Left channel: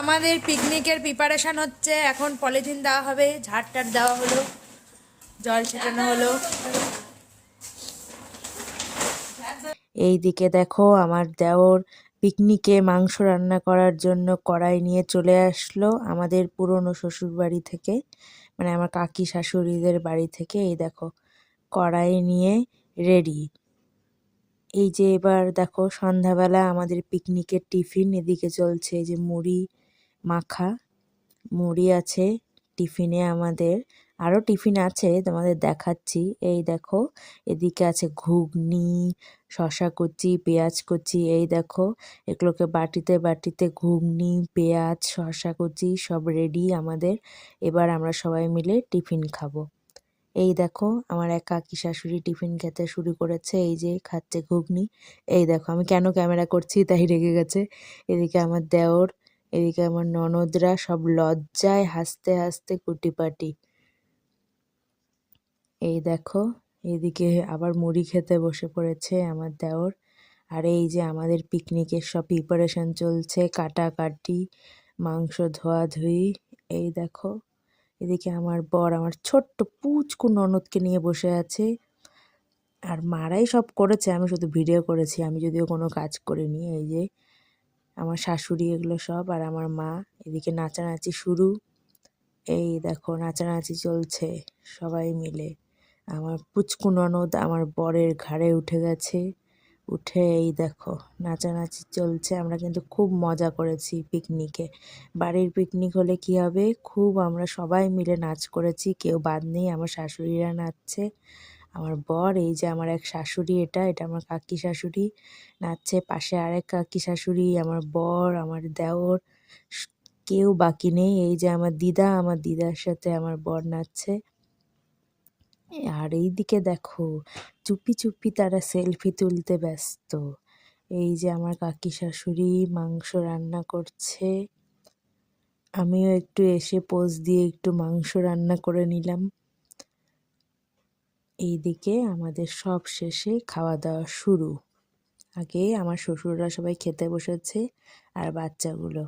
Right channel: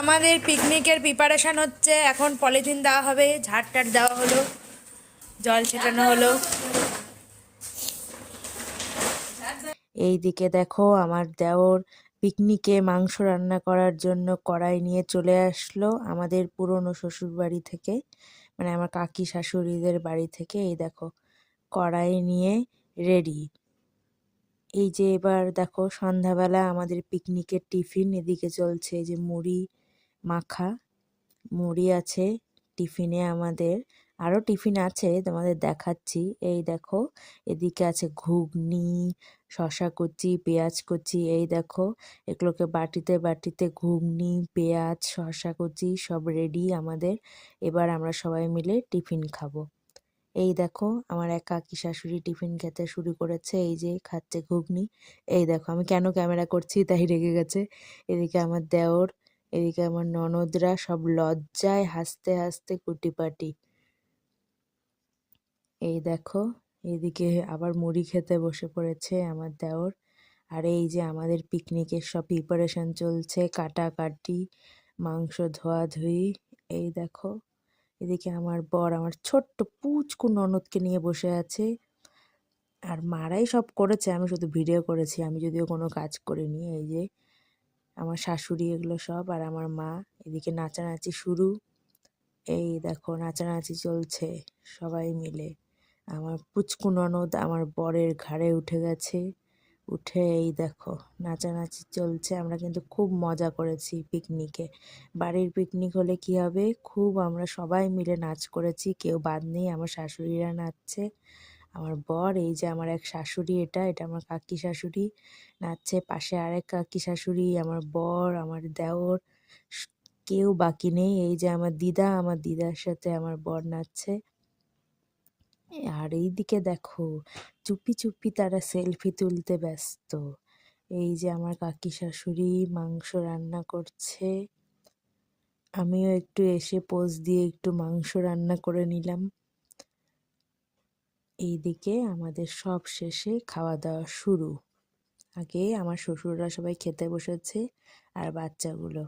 আমাদের পিকনিকের প্রিপারেশন হচ্ছে। এখন পলিথিন দেওয়া হবে, ঝাড় টাট দেওয়া হলো, জল ছেটানো হলো। এই দিকে দেখো, আমার দেওর পিকনিকে মাংস রান্না করার জন্য কড়াই নিয়ে চলে আসলো আমাদের পুরনো শ্বশুর বাড়ি থেকে মানে আমার কাকি শাশুড়িদের বাড়ি থেকে। এই দেখো, কড়াই নিয়ে রেডি এই যে এবার দেখো, সন্ধ্যাবেলা আমাদের পিকনিকের টিফিন এদিকে চলছে যে মুড়ি মাখা, মুড়ি আছে, টিফিনে আমাদের আরও টিফিন আছে তোমাদের দেখাচ্ছি। এই দেখো, এদিকে আছে ঘুগনি শশা কুচি, পেঁয়াজ কুচি, এই দেখো, এগুলোকে বাটিতে বাটিতে ঘুগনি, পেঁয়াজ শশা কুচি সব রেডি আমাদের। এবার আমরা সবাই মিলে টিফিন খাব। এই দেখো, আমার এক কাকি শাশুড়ি টিফিন খেতে শুরু করেছে, এই যে খাচ্ছে ঘুগনি। এই দেখো, আমি কেন ক্যামেরা করছি তাই রেগে গেছে। এদিকে আমার দেওর এদিকে আমার ননদরা সব লজ্জায় হাসতে হাসতে কুটিপাটি। এই দেখো, এদিকে আবার মুড়ি খেতে বসে পড়েছে আমার দেওর। আর এই যে আমাদের পিকনিকের সব প্রিপারেশন চলছে, কাটাকাটি, মাংস ধোয়াধুয়ি, এই দেখো, এদিকে আমার বর আমার ছোট্ট পুচকু ননদকে নিয়ে বসে আছে। আর মারাই সব করেছে, আমি শুধু ভিডিও করেছি, আমি যদিও কোনো কাজ করিনি, এই যে আমার শাশুড়ি এগুলো সব আর আমার মা। এদিকে নাচানাচি শুরু। এই দেখো নাচানাচি চলছে সবাই মিলে। আমার পুচকু ননদ আমার বরের ঘাড়ে উঠে গেছে। উঠে এই দেখো নাচানাচি চলছে। আমরা কিন্তু খুব মজা করেছি পিকনিকে। বাড়ির পিকনিক হলে কি হবে? খুব আমরা সবাই মিলে নাচ করেছি। কেউ বাদ নেই, আমার শাশুড়িরা নাচছে। আমার বর, এই যে আমার এক শাশুড়ি, এটা এটা আমার কাকি শাশুড়ি, নাচছে পাশে আরেক কাকি শাশুড়ি, আমার বর, আমার দেওর কেউ বাকি নেই, এই যে আমার দিদা, আমার দিদার সাথে আমার বর নাচছে। আর এইদিকে দেখো, চুপি চুপি তারা সেলফি তুলতে ব্যস্ত। এই যে আমার কাকি শাশুড়ি মাংস রান্না করছে। আমিও একটু এসে পোজ দিয়ে একটু মাংস রান্না করে নিলাম। এইদিকে আমাদের সব শেষে খাওয়া দাওয়া শুরু। আগে আমার শ্বশুররা সবাই খেতে বসেছে আর বাচ্চাগুলো।